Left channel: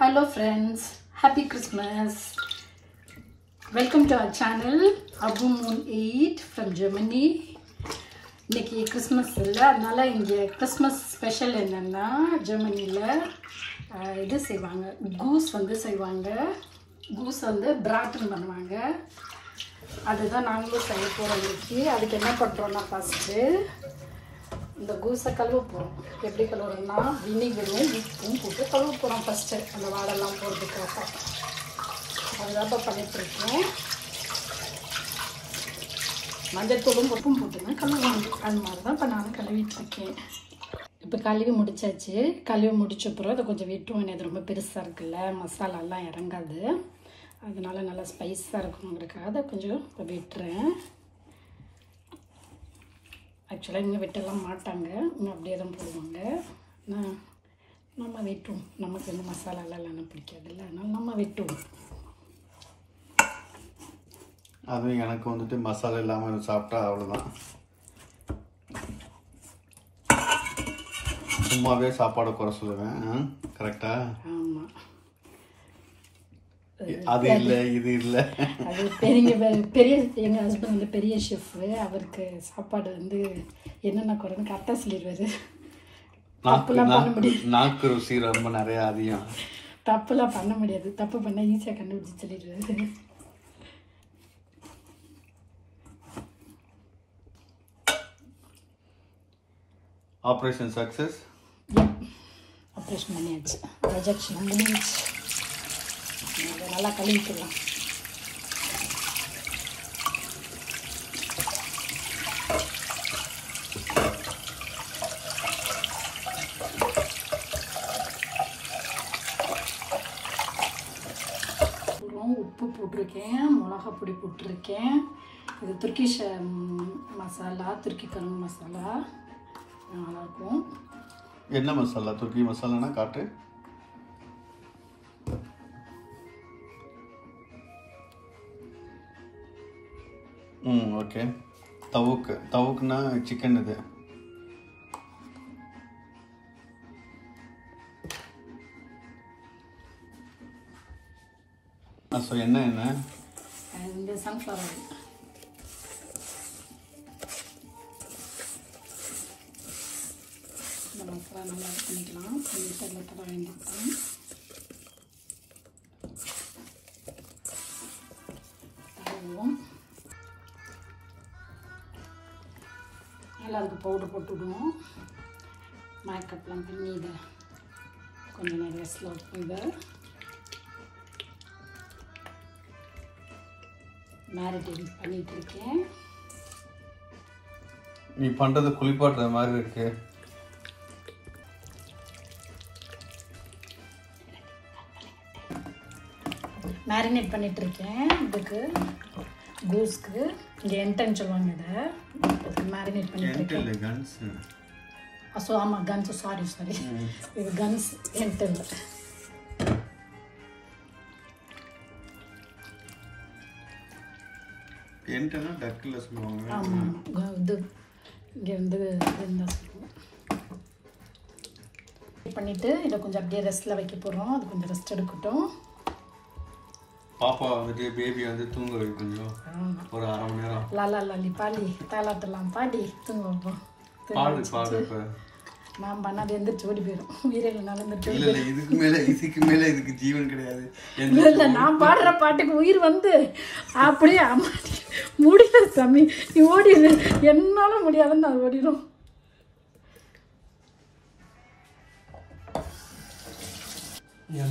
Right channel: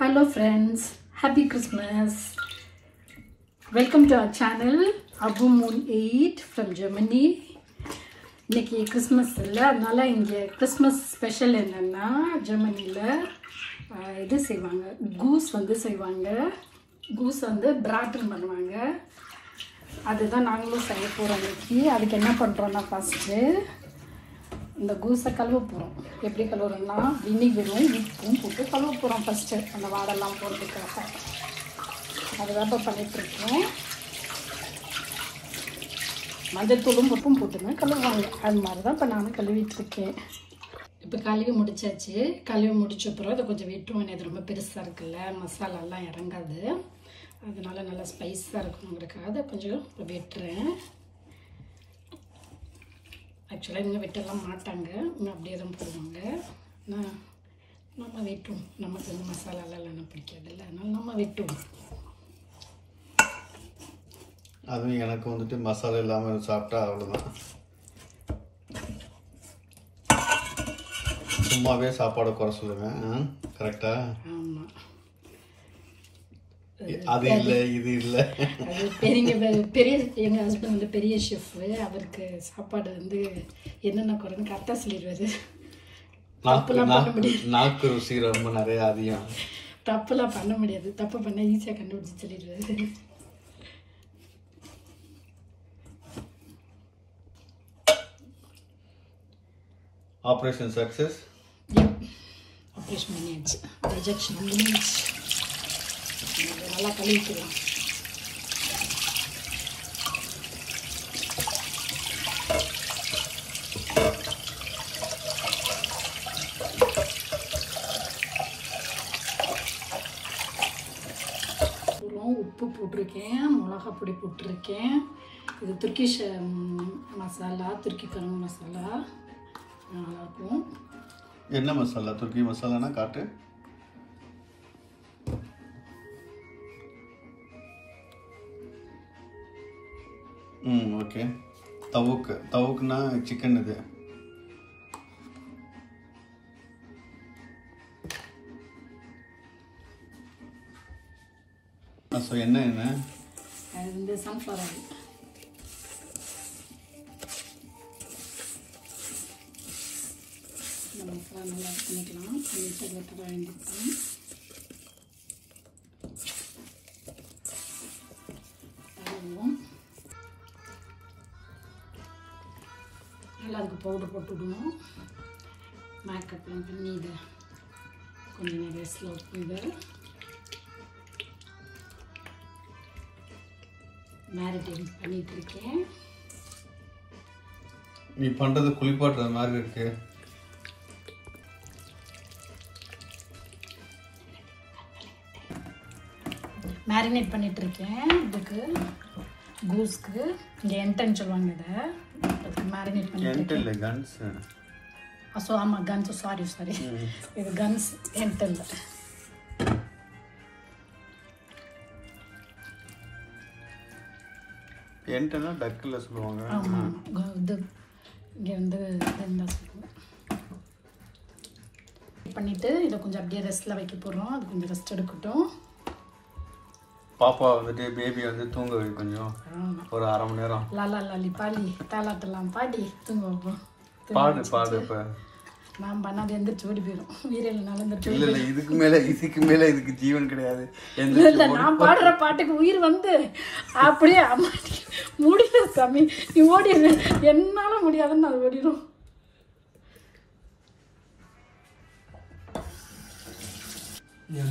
Hello friends, happy Christmas. Welcome to our channel Abu Moon 8 from Germany. இன்னைக்கு Christmas இல்லை, அதனால இங்கே Christmas special என்னென்னா ஜெர்மனியில் இது செய்வாங்க, கூஸ் செய்வாங்க. கூஸ் பிராட்டன் பண்ணுவாங்க. அதுதான் நாங்களும் செய்ய போகிறோம் இன்னைக்கு. அதுக்கு என்ன பண்ணுறோன்னா ஃபஸ்ட்டு இந்த கூஸை கழுவ போகிறோம். எப்படி கழுவுறோம்னா வினிகரும் உப்பும் போட்டு கழுவ போகிறோம் ஃபஸ்ட்டு. அந்த வாழெல்லாம் போட்டுக்கிறோம். அதுதான் இப்போ பண்ணிட்டுருக்கேன். மஞ்சத்தூளும் உப்பும் போட்டுங்க கழுவுவாங்க. அது மாதிரி தான் இப்போ நானும் கழுவிட்டுருக்கேன். இப்போ கழுவி முடிச்சாச்சு. கழுவி முடிச்ச அப்புறம் அதை கொஞ்சம் வெட்டுவோம். இது ரொம்ப பெருசாக இருக்குல்ல, மசாலாலாம் இறங்காது. அதனால நல்லா ஸ்பைஸாக இருக்குங்கிறதுக்காக அதை கொஞ்சம் இப்போ வெட்டுறேன். ஆக்சுவலாக இங்கே வெட்டலாம் மாட்டாங்க, இன்னும் அப்படியே தான் போடுவாங்க. நம்ம வெட்டுவோம். நமக்கு மசாலாலாம் பிடிக்காதுல்ல, அதனால நம்ம வெட்டுவோம். அதுவும் எனக்கு மசாலா இல்லாமல் சாப்பிட்டா அவ்வளோதான். சும்மாவே சாப்பாடை குறை சொல்லுவேன். கரெக்டா? ஆமாம். அது இல்லை இது இல்லை. அது பெரிய எங்கள் ஹஸ்பண்ட் பெரிய ஷெஃப்பு. அவருக்கு சாப்பாடு என்னென்ன குறைன்னு கரெக்டாக சொல்லிடுவாரு. தப்புலாம் பண்ண முடியாது. நாக்கு ருசி ரொம்ப நிறைய அதிகம். தப்புலாம் பண்ண முடியாது. தப்பு பண்ணால் ஈஸியாக கண்டுபிடிச்சி சொல்லிடுவாரு. Operation success. ஆப்ரேஷன் பண்ணியாச்சு. ரிஜெக்ஷன் முடிஞ்சிச்சு. நல்லா கழுவிக்கலாம். உப்பு போட்டிருக்கேன், மிளகா பொடி போட்டிருக்கேன். இது துர்க்கிஷ் மசாலா, துருக்கி கரம் மசாலா. நல்லாயிருக்கும். என்ன மசாலா? துர்க்கி மசாலானா காட்டு. ஓகே. தவுக்குனா சிக்கன். இது என்ன சன்ஃப்ளவர் ஆயில். இந்த மசாலா நல்லா பண்ணிக்கலாம். கொஞ்சம் தர வேண்டியிருக்கோம். நல்லா அதுக்கு பவுடர் போட்டுவிடுவோம். மேக்கப்லாம் பண்ணி இதை கொஞ்சம் நிறைய ஸ்லோ பண்ணி மேரினேட் பண்ணிட்டு இருக்கேன். நீ பண்றது குளிப்பாட்டுற மாதிரி இருக்கு. மேரினேட் பண்ணிட்டு இருக்கேன். இதுக்கு கூஸ்க்கு இங்கே என்டன் சொல்லுவாங்க. இதை மேரினேட் பண்ணிட்டு கன்ஸ். ஆமாம் கன்ஸ். சாரி இது கன்ஸ் என்டன். என்டனா டக்கில் சொல்லுவாங்க. ஆமாம், இது இங்கே பண்ணிவிட்டு இதை கொஞ்சம் அப்படியே ரெஸ்ட்டில் வைக்க போகிறோம். அது கொஞ்சம் ரெஸ்ட் எடுக்கட்டும். பாப்பா பேபி தூங்க வை கொஞ்சம், ஒரு அரை மணி நேரம். லாலா லாலி பாடி தாலாட்டெல்லாம் பாடி தூங்க வைப்போம். பாடு இப்போ நான் பண்ணாது எந்திரிச்சு ஓடி போயிடும். வீரையில் நடந்துட்டு இல்லை இதுக்கு மேலே இதுக்கு ஜீவன் கிடையாது. இல்லை, நான் பாடுற பாட்டுக்கு உயிர் அப்படியே முடியல சாமி, நீ ஓடி என்னால முடியாதுன்னு நான் ஓடிடும்.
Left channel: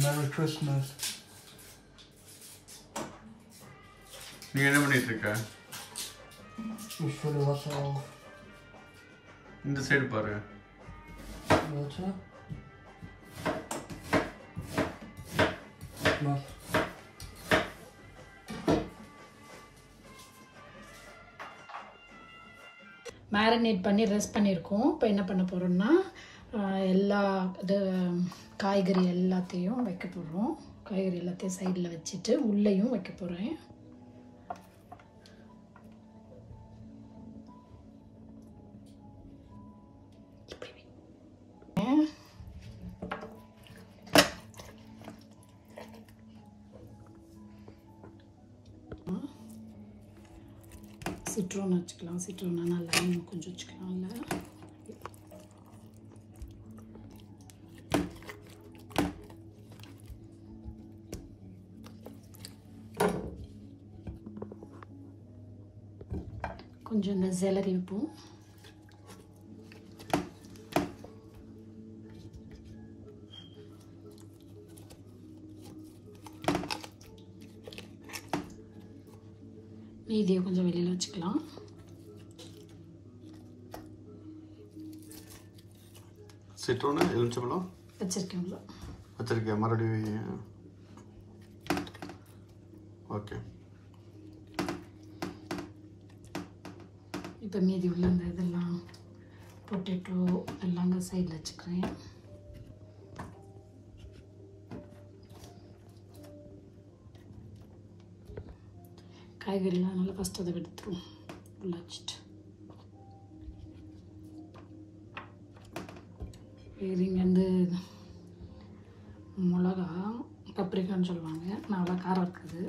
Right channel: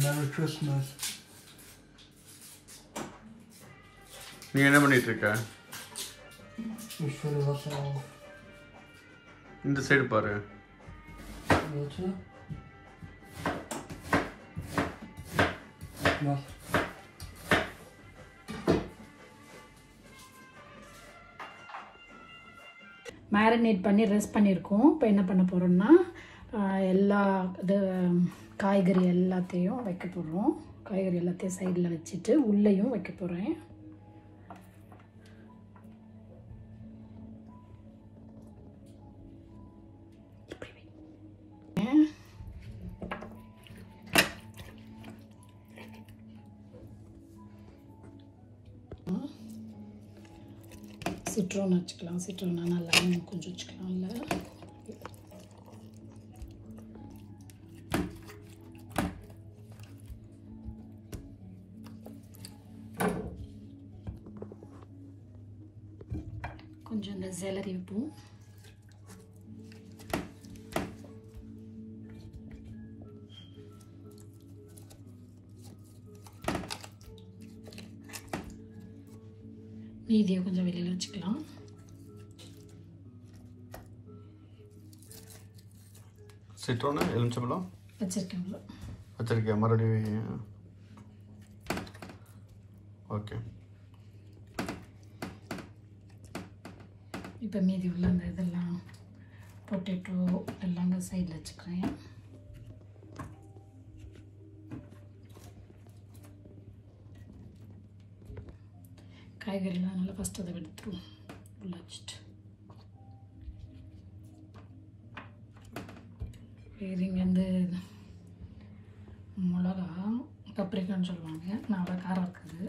Merry Christmas. நீ என்ன பண்ணிட்டு இருக்க? இந்த சைடு பாரு. மேரினேட் பண்ணி ரெஸ்ட் பண்ணியிருக்கோம். இப்போ என்ன பண்ண போகிறோம்னா எல்லா இது காய்கறி எல்லாத்தையும் வைக்க போகிறோம். காய்கறி எல்லாத்தையும் சைடில் வச்சுட்டு உள்ளேயும் வைக்க போகிறேன். சிட்ரோன் வச்சுக்கலாம். சிட்ரோனா நல்லா கொஞ்சம் வச்சுக்கலாம்ல. கொஞ்சம் இந்த செலரி வைப்போம். மீதியை கொஞ்சம் வெளியில் வச்சுக்கலாம். சிட்ரோனு எலுமிச்சம்பழம் வச்சிருக்கேன் மறுபடியும். ஓகே, இப்போ மீதி உள்ள இந்த இதெல்லாம் பொட்டேட்டோ எல்லாங்க சைடில் வச்சுக்கிறேன். காய்கறிலாம் நல்லா ஃபஸ்ட்டு அதை எடுத்துருவோம். உள்ள வச்சுட்டு இங்கே வந்து மிளகா பப்ரிக்கான்னு சொல்லுவாங்க. நல்லா காரம் இருக்குது.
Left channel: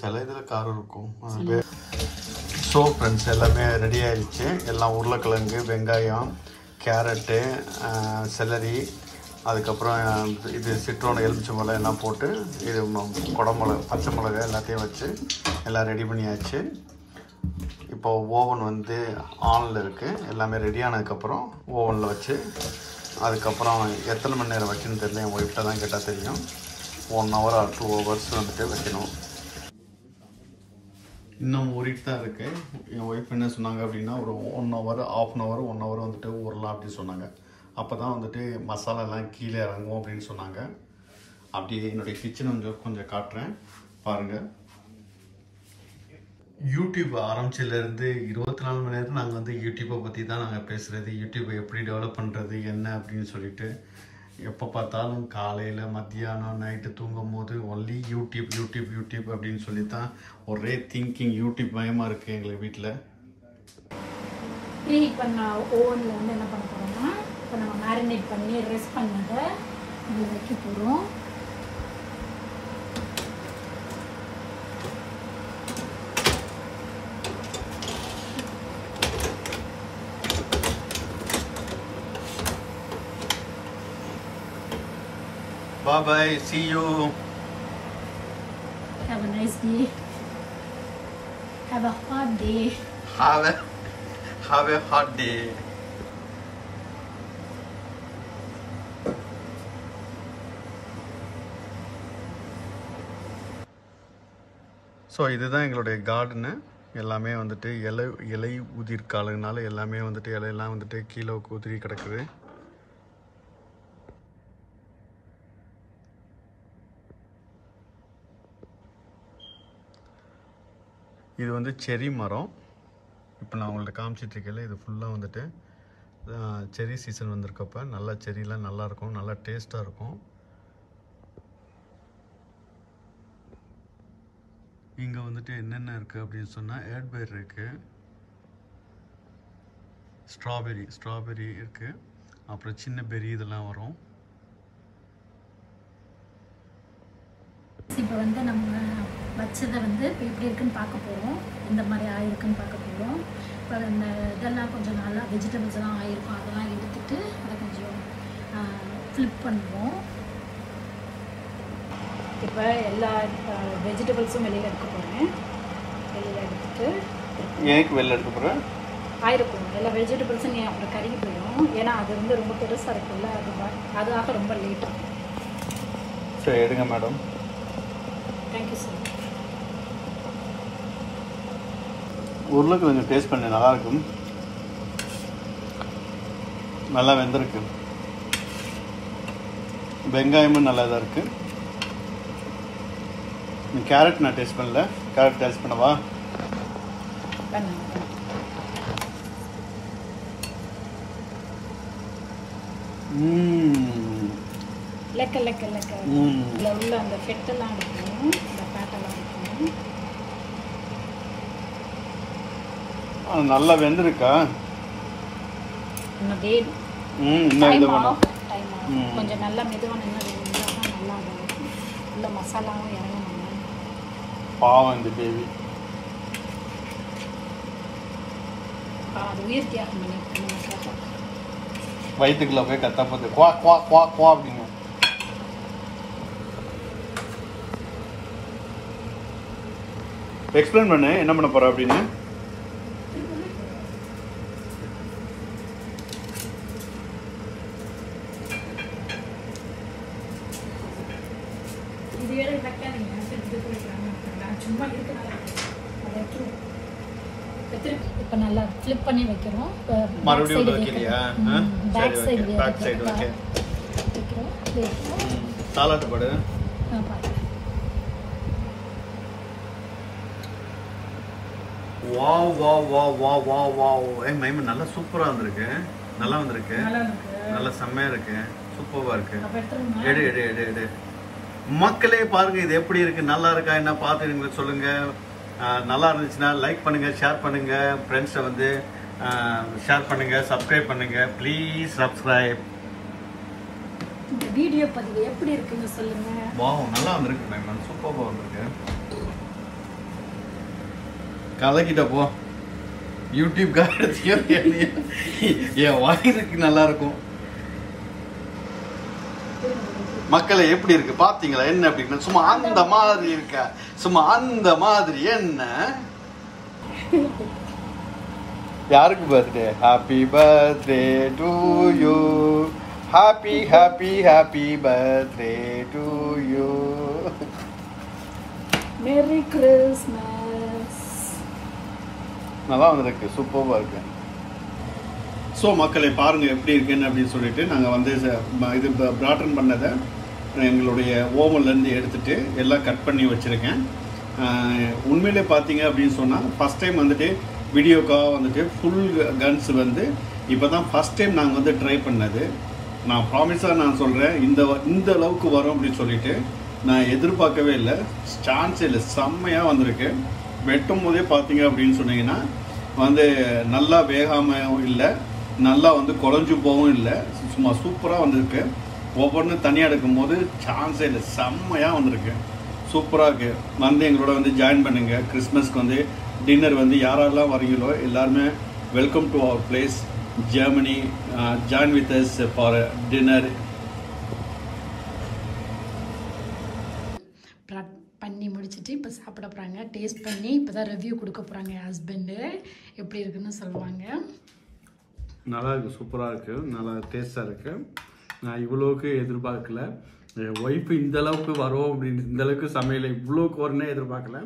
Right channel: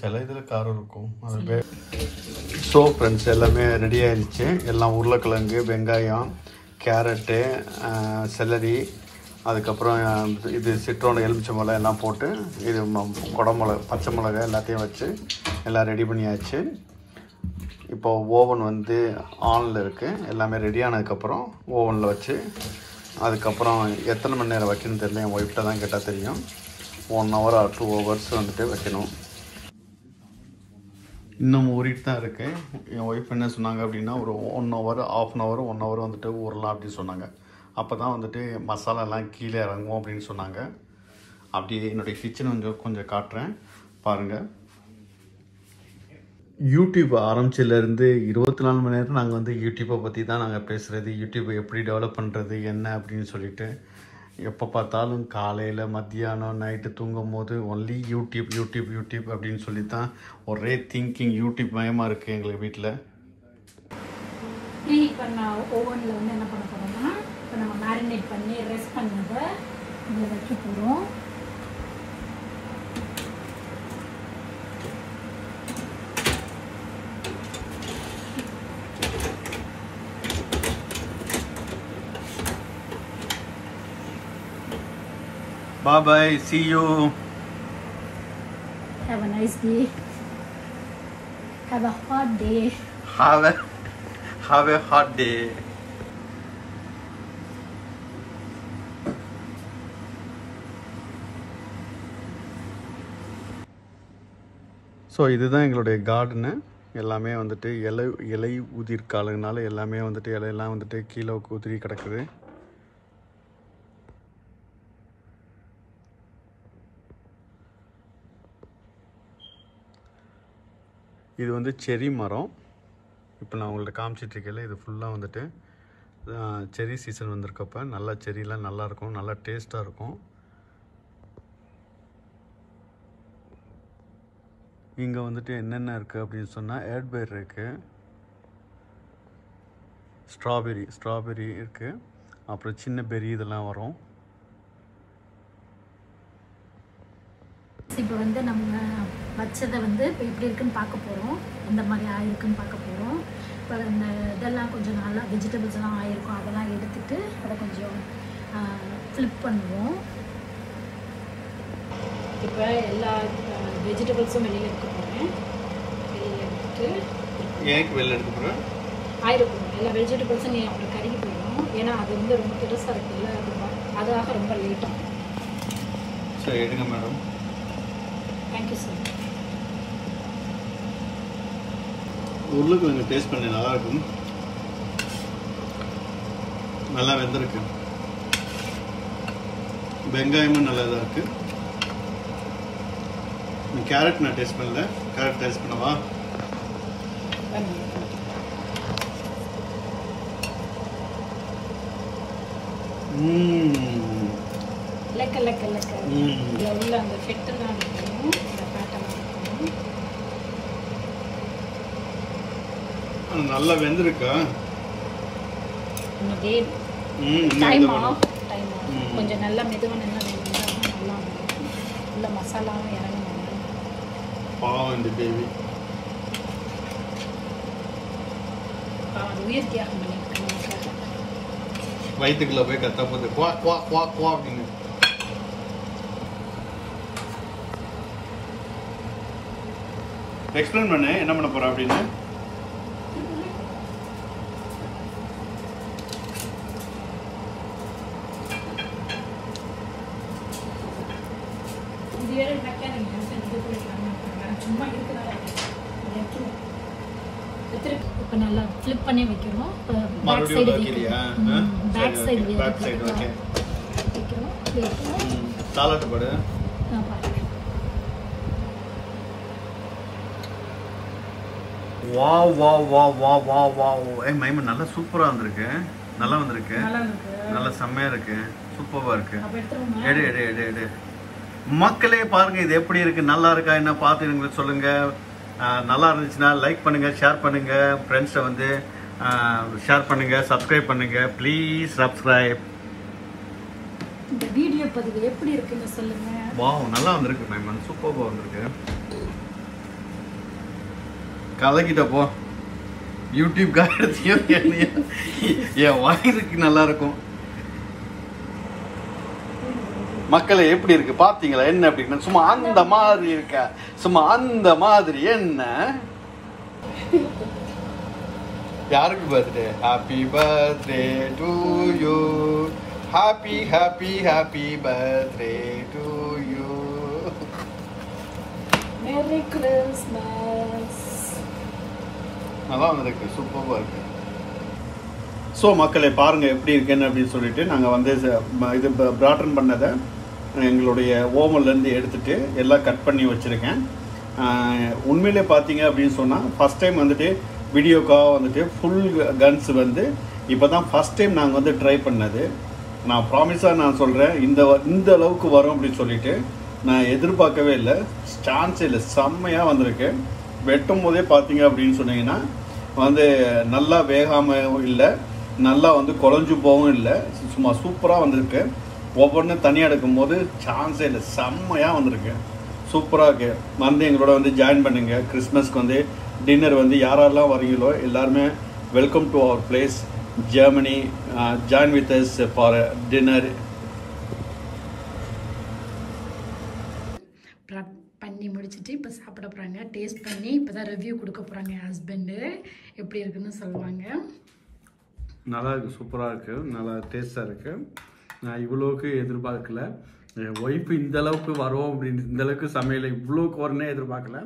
சில இதில் காரம் இருக்கும். ஸோ ஃப்ரெண்ட்ஸ், எல்லாமே ரெடி ஆகிடுச்சு. எல்லாம் உருளைக்கிழங்கு, வெங்காயம், கேரட்டு, செலரி, அதுக்கப்புறம் இது சிட்ரோன் எலுமிச்சம்பழம் எல்லாம் போட்டு இது குடமிளகா, பச்சை மிளகாய் எல்லாத்தையும் வச்சு எல்லாம் ரெடி பண்ணியாச்சு. இப்போ ஓவன் வந்து ஆனில் இருக்குது. எல்லாமே ரெடி ஆனதுக்கப்புறம் ஓவனில் வச்சு அதுக்கப்புறம் எத்தனை மணி நேரம் வைக்கணும்னு தெரியல. என் ஒய்ஃப்ட்ட தான் கேட்டால் தெரியும். 1 hour or 2 hours வந்துட்டு வைக்கணும். இன்னும் ஊறிட்டு தான் இருக்கு. என் ஒய்ஃப் என்ன சொன்னாங்க அப்படின்னா, ஒரு 1 hour, ½ hour, 1 hour வந்துட்டு ஊறலாம் அப்படின்னு சொன்னாங்க. அப்போ தான் வந்துட்டு மசாலாலாம் கீழே இறங்கும் அப்படின்னு சொன்னாங்க. அப்படி என்னுடைய கிச்சன் கொஞ்சம் காட்டுறேன் பாருங்கள். யூடியூப் ஆரம்பிச்சிலேருந்து 24 மணி நேரம் நாங்கள் வந்து யூடியூப்பை பற்றி தான் நாங்கள் பேசுகிறது. யூடியூப்பை எப்படி டெவலப் பண்ணுறது என்ன அப்படின்னு சொல்லிட்டு எப்போ பார்த்தாலும் காலையில், மத்தியானம், நைட்டு தூங்கும் போது ஒன்லி யூடியூப் யூடியூப் யூடியூப் அப்படின்னு சொல்லி தான் ஒரே திங்கிங் யூடியூப் மயமாக இருக்குது எங்களுக்கு வீட்டில். ப்ரீ பண்ண ஓவனில் வந்து என்ன பண்ண போகிறோம்னா, இப்போ நம்ம மேரினேட் பண்ணி ரெஸ்ட் பண்ணதை இதில் வைக்க போகிறோம். Bye bye, see you. Have a nice day. Have a hot day. Have a hot day. So இதுதான் எங்களுடைய கார்டனு. எல்லாமே வந்துட்டு இலை உதிர் காலனால எல்லாமே வந்துட்டு இலையெல்லாம் வந்துட்டு கீழே உதிரி கிடக்குது. இது வந்து செரி மரம். இப்போ நான் உங்கள்கிட்ட காமிச்சிட்ருக்கேன். இது ஃபுல்லாக வந்துட்டு செரி சீசன் வந்திருக்கப்போ நல்லா செரிலாம் நல்லாயிருக்கும், நல்லா டேஸ்ட்டாக இருக்கும். இங்கே வந்துட்டு என்னென்ன இருக்குது அப்படின்னு சொன்னால், ஏட்பேர் இருக்குது, ஸ்ட்ராபெரி இருக்குது, அப்புறம் சின்ன பெரி இதெல்லாம் வரும். இப்போ வந்து நம்ம வச்சதை வந்து இப்போ எப்படி இருக்குன்னு பார்க்க போகிறோம். இந்த மாதிரி ஆயிருக்குன்னு பார்க்க போகிறோம். இப்போ இந்த இதெல்லாம் கொஞ்சம் நல்லா வெஜிடபிள்ஸ்லாம் ஆயிருக்கும். அதெல்லாம் எடுத்துட்டு அதை கொஞ்சம் ஃப்ளிப் பண்ணுவோம். இப்போ எல்லா வெஜிடபிள்ஸும் வெளியில் எடுக்க போகிறேன். வெளியில் எடுத்துட்டு வெளியில் எடுத்துக்கிறேன் ஆயிருக்கும். எல்லா வெஜிடபிள்ஸும் நீ அப்புறம் கருகி போயிடும். ஏன்னா அது வந்து ரொம்ப பெருசாக இருக்குல்ல, அதுக்காக ரொம்ப லேட் ஆகும். சரி, எடுங்க மேடம். Thank you sir. உருளைக்கிழங்கு டேஸ்ட் பண்ணி நல்லா இருக்கும். நல்லா வெந்திருக்கு. வெங்காயமும் நல்லா தான் இருக்கு. கேரட் நான் டேஸ்ட் பண்ணல. கேரட் டேஸ்ட் பண்ணவா? லெக்க இதில் உள்ள அந்த ஃபெட்டெல்லாம் இருக்கணும், இந்த ஃபேட்டெல்லாம் இருக்கணும். நல்லா வெந்திருக்கா? இன்னும் கொஞ்சம் நல்லா மெதுவாக நல்லா மசாலாவும் இறங்கணும். பாவம் இந்த பேபி. வயிற்றுக்குள்ள போய் கத்தா போது குவா குவா குவா குவா அப்படின்னு. எக்ஸ்பிளைன் பண்ணு என்ன பண்ண போற அப்படின்னு. இப்போ நல்லா ஃபிளிப் பண்ணி வைக்கிறோம். பேக் சைடு வைக்கிறோம். சாலாட் போடு. Wow wow wow wow wow wow. Maiman நல்லா சூப்பரா வந்திருக்கு. நல்லா வந்திருக்கு. நல்லா செம்மையா இருக்கு. சூப்பரா இருக்கு. எடு எடு எடு எடு. மக்களே பாருங்க இது எப்படி இருக்கு, நல்லா இருக்கா என்ன பார்த்து எங்களுக்கு சொல்லுங்க. நல்லா இருந்துச்சுன்னா லைக் பண்ணுங்க, ஷேர் பண்ணுங்க, ஃப்ரெண்ட்ஸை வந்து ஷேர் பண்ணுங்க, சப்ஸ்கிரைப் பண்ணுங்க, ப்ளீஸ் சப்ஸ்கிரைப். வீடியோ பார்த்துட்டு எப்படி இருக்குன்னு சொல்லுங்க. வாவ் நல்லா வந்திருக்கு மைமன், சூப்பரா வந்திருக்கு. கலக்கிட்ட போ யூடியூப் என் வயிறுக்கு நல்லா இருக்கும். மக்களே எப்படி இருக்கு பாத்தீங்களா? என்ன அப்படின்னு சும்மா அந்த மாதிரி இருக்க, சும்மா அந்த மாதிரி. என்ன யாருக்கு birthday? Happy birthday to you, happy happy happy birthday to you, merry Christmas. நல்லா இருக்கு, சூப்பரா இருக்கு. ஸோ மக்களை பாருங்க எப்படி இருக்குன்னு அப்படின்னு சொல்லிட்டு நாங்கள் வந்து இது பிராட்டன் பண்ணதை எங்களுடைய ஓவன்லேருந்து எடுத்துட்டு எல்லாம் கட் பண்ணி வச்சிருக்கேன். உண்மையிலே பார்த்தீங்க அப்படின்னு சொன்னால் ஃபர்ஸ்ட் டைம் வந்துட்டு வீடியோக்காக வந்துட்டு ஃபுல் கன்ஸ் வந்து இப்போ தான் ஃபர்ஸ்ட் டைம் நாங்கள் வந்து ட்ரை பண்ணது. நான் ப்ராமிஸாக நான் சொல்கிறேன், இந்த அளவுக்கு வரும் அப்படின்னு சொல்லிட்டு நான் எதிர்பார்க்கவே இல்லை. சான்ஸே இல்லை, செம்மையாக வந்திருக்கு. வெட்டும் போதே பார்த்தீங்க அப்படின்னு சொன்னீங்கன்னா வந்து நல்லா வேகாமல் இல்லை, நல்லா வந்து குழஞ்சு போகவும் இல்லை, சும்மா சூப்பராக வந்திருக்கு. ஒவ்வொன்றும் தனியாக எடுக்கும் போது சான்ஸே இல்லை, செம்மையாக வந்திருக்கு, சூப்பராக இருக்கு. வந்து எங்களோட வந்து ஜாயின் பண்ணுங்க. கிறிஸ்மஸ்க்கு வந்து டின்னர் வந்து யாரெல்லாம் வரீங்களோ எல்லாருமே welcome to our place Germany. Join with us for dinner. பண்ணி முடிச்சுட்டு இப்போ சாப்பிட போகிறாங்க. டேஸ்ட் பண்ணி இப்போ தான் ரிவ்யூ கொடுக்க போகிறாங்க. என் ஹஸ்பண்டு எப்படி இருக்குன்னு சொல்லுவாங்க. நல்லா இருக்குது, சூப்பராக இருக்குது, நல்லா டேஸ்ட்டாக இருக்குது. நான் இவ்வளோக்கு எதிர்பார்க்கல. என் ஒய்ஃபு இந்த அளவுக்கு வரும் அப்படின்னு, இந்த அளவுக்கு சமையல் இவ்வளோக்கு வரனே எதிர்பார்க்கல.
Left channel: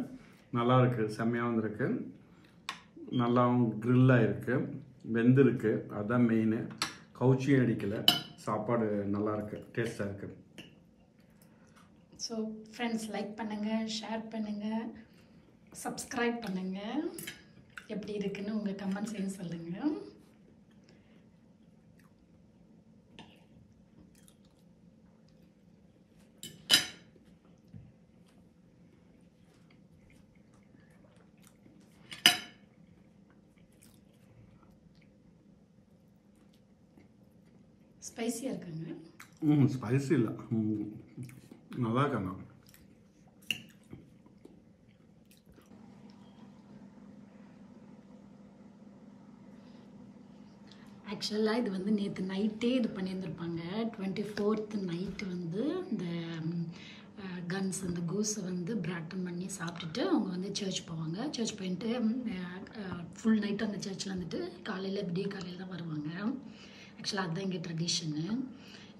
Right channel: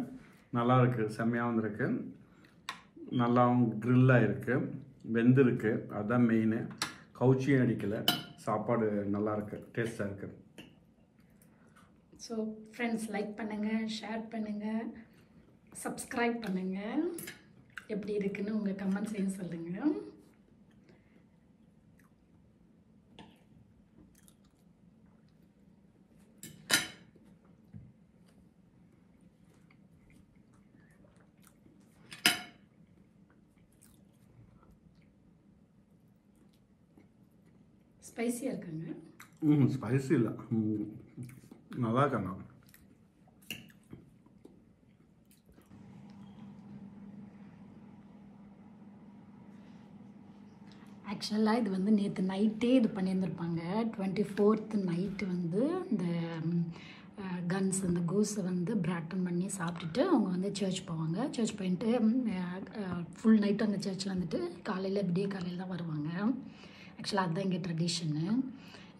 நல்லா இருக்குது, செம்மையாக வந்திருக்கு. நல்லாவும் க்ரில்லாக இருக்குது, வெந்திருக்கு, அதுதான் மெயினு. கவுச்சியும் அடிக்கலை. சாப்பாடு நல்லா இருக்குது, டேஸ்ட்டாக இருக்குது. ஸோ ஃப்ரெண்ட்ஸ், லைக் பண்ணுங்கள், ஷேர் பண்ணுங்கள், சப்ஸ்கிரைப் பண்ணுங்கள். எப்படி இருக்குன்னு உங்கள் கமெண்ட்ஸையும் சொல்லுங்கள். ஸ்பைசியாக இருக்குங்க. ஸ்பைசி இல்லை, நல்லா இருக்காங்க. ஆக்சுவலாக இது வந்து நேற்று நைட்டே இது பண்ணியிருந்திருப்பாங்க. 24th நைட்டு வந்து இந்த கன்ஸ், இந்த கோஸை வந்து பிராட்டன் பண்ணி சாப்பிட்டுட்டு அவங்க வந்து சர்ச் போவாங்க. சர்ச் போயிட்டு ஃபுல் நைட்டு அந்த சர்ச்சில் வந்துட்டு காலையில் விடிய காலையில் தான் வருவாங்க. ஆக்சுவலாக அதுதான் இங்கே ட்ரெடிஷனு.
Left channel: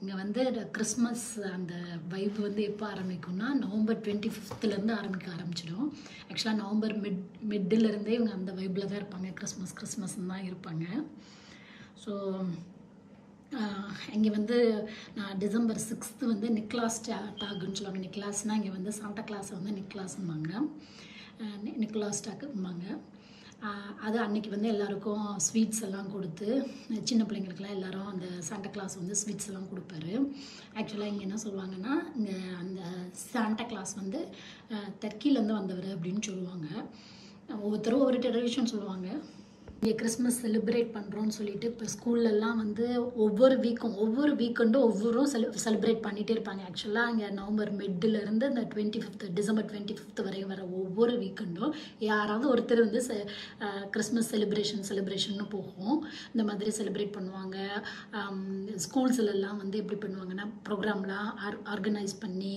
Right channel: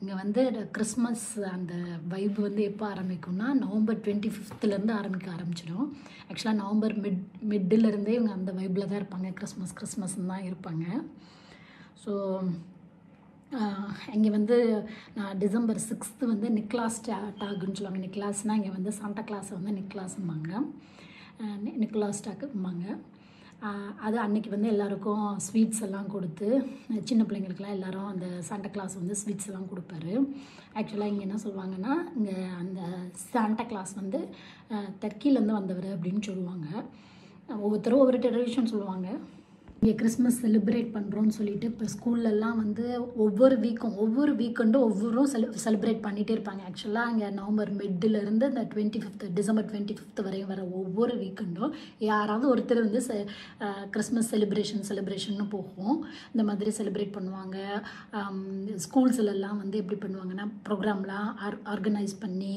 இங்கே வந்து கிறிஸ்மஸ் அந்த வைப் வந்து எப்போ ஆரம்பிக்கும்னா நவம்பர் 25th ஆரம்பிக்க ஆரம்பிச்சிடும். ஆக்சுவலாக நவம்பர் மிட்டிலருந்தே இவங்க அந்த வைப்பில் தான் இருப்பாங்க. கிறிஸ்மஸ்ன்னு தான் இருப்பாங்க. ஸோ இங்கே வந்து டிசம்பர் 6th வந்து நிக்லாஸ் டாக்குன்னு சொல்லுவாங்க. நிக்லாஸ்னால் இங்கே வந்து சாண்டா கிளாஸை வந்து நிக்லாஸ்ம்பாங்க, நிக்லாஸ் டாக்கும்பாங்க. அது அன்றைக்கி வந்து எல்லாருக்கும் ஸ்வீட்ஸ் எல்லாம் கொடுத்து, சின்ன பிள்ளைங்களுக்குலாம் எல்லோரும் அந்த சாண்டா கிளாஸ் வந்து ஸ்வீட்ஸ் எல்லாம் கொடுப்பாரு. ஆக்சுவலாக இங்கே என்ன சொல்லுவாங்கன்னா, இங்கே அந்த சாண்டா கிளாஸ் வந்து டர்க்கிலேருந்து வந்தவர் அப்படின்னு சொல்லுவாங்க. ஒவ்வொருத்தரும் ஒவ்வொரு ட்ரெடிஷன் சொல்லுவாங்க. இங்கே கிறிஸ்மஸ் செலிப்ரேட் பண்ணுறோன்னு சொல்லிட்டு இப்போ ஸ்கூல்லலாம் வந்து ஒவ்வொரு வீக்கெண்டும் செலிப்ரேட் பண்ணிகிட்டே இருப்பாங்க. ஆக்சுவலாக அங்கே நவம்பர் மிட்டிலேருந்து இந்த டிசம்பர் 25 வரையும் வர ஒவ்வொரு வீக்கெண்டும் யாராவது ஒருத்தர் வந்து கிறிஸ்மஸ் செலிப்ரேஷன்னு போகும். இந்த மாதிரி செலிப்ரேட் பண்ணுவாங்க. ஸ்கூல்ஸ்லாம் வந்து எப்படி பண்ணுவாங்கன்னா ப்ரோக்ராம்லாம் ஆர்கனைஸ் பண்ணி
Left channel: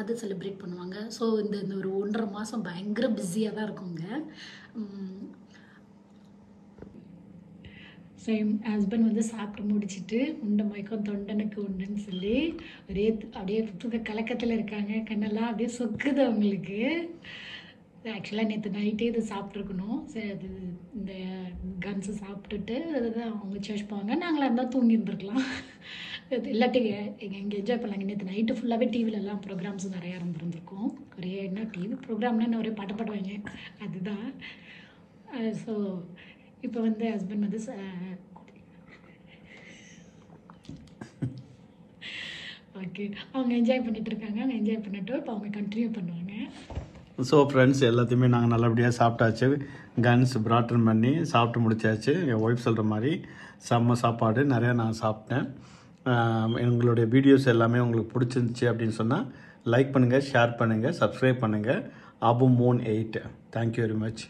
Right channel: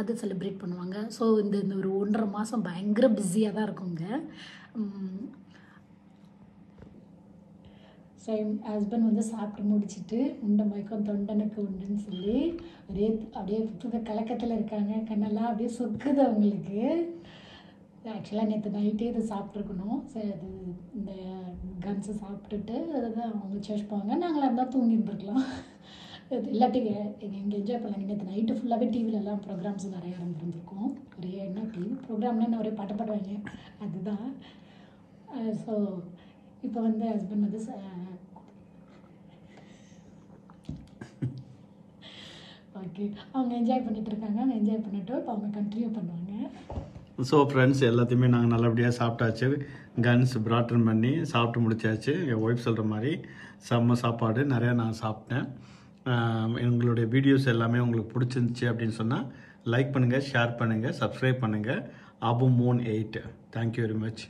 அது செலிப்ரேட் பண்ணுவாங்க. ஸோ இந்த ஒரு 1.5 மாதம் பயங்கர பிஸியாக தான் இருக்குங்க. ஸோ என் ஹஸ்பண்ட் வந்து சாப்பிட்டு முடிச்சுட்டு உண்டை மயக்கம் தொண்டனுக்கு உண்டுன்னு சொல்லி அப்படியே தூக்க கலக்கத்தில் இருக்காங்க. கண்ணெல்லாம் அப்படியே சொக்குது அவங்களுக்கு. ஆக்சுவலாக நேற்று நைட்டே இது சாப்பிட்ருக்கணும். சரி அது இந்த கன்ஸை சாப்பிட்டுட்டு அதுதான் அவங்க சர்ச் போவாங்க. நாங்களாக இருந்தால் தூங்கி இருந்துருக்கலாம். இல்லாட்டி எங்கே என்ஜாய் பண்ணலாங்க. நேற்று நைட்டு ஃபுல்லாகவே டிவிலெல்லாம் ப்ரோக்ராம்ஸ் நிறையா இருந்திருக்கும். ஒரே என்ன டிவி ப்ரோக்ராம்னா என்ன ஒரே பாட்டுவாங்க அதுதான். ஸோ இப்போ வந்து ஹஸ்பண்ட் வந்து ஓகே அவங்க என்ஜாய் பண்ணிட்டு இருக்காங்க. அவங்க என்ஜாய் பண்ணிட்டு இப்போ அவங்க கண்டினியூ பண்ணுவாங்க. ஸோ ஃப்ரெண்ட்ஸ் எல்லாத்தையுமே நாங்கள் நல்லபடியாக சாப்பிட்டாச்சு. கன்ஸ் பிராட்டன் பண்ணி சாப்பிட்டு முடிச்சாச்சு. என் ஒய்ஃப் சொல்கிற மாதிரி செம்ம சாப்பாடு நிறையா நான் சாப்பிட்டேன். எங்களுடைய வீடியோஸ் எல்லாமே உங்களுக்கு பிடிச்சிருந்துச்சி அப்படின்னு சொன்னால் லைக் பண்ணுங்கள், ஷேர் பண்ணுங்கள், சப்ஸ்கிரைப் பண்ணுங்கள். Abu Moon 8. Thank you very much.